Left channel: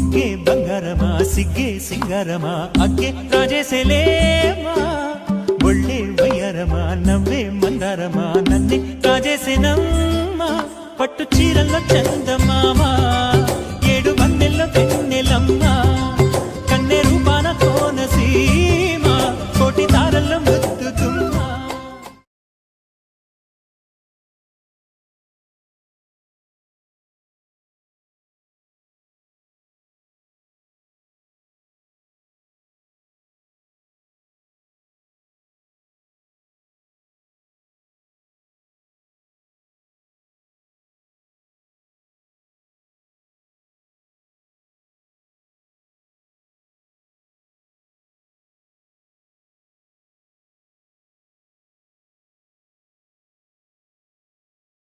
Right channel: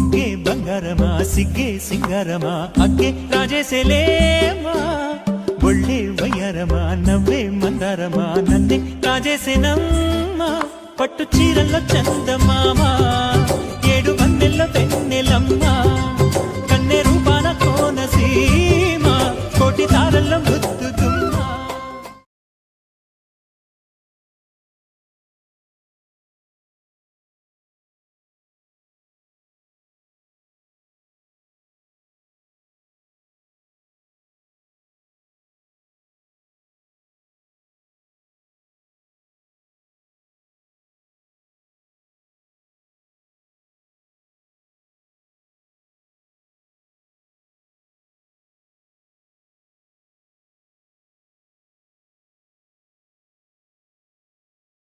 బుగ్గే బంగారమా సిగ్గే సింగారమా అగ్గే రాజేసేలేమా ఒళ్ళే వయ్యారమా నవ్వే మందారమా నన్నే కాజేసేనమ్మా పట్టు చీరల్లో చందమామా ఏడు వన్నెల్లో వెన్నెలమ్మా కన్నె రూపాన కోనసీమ కోటి తారల్లో ముద్దుతుమ్మా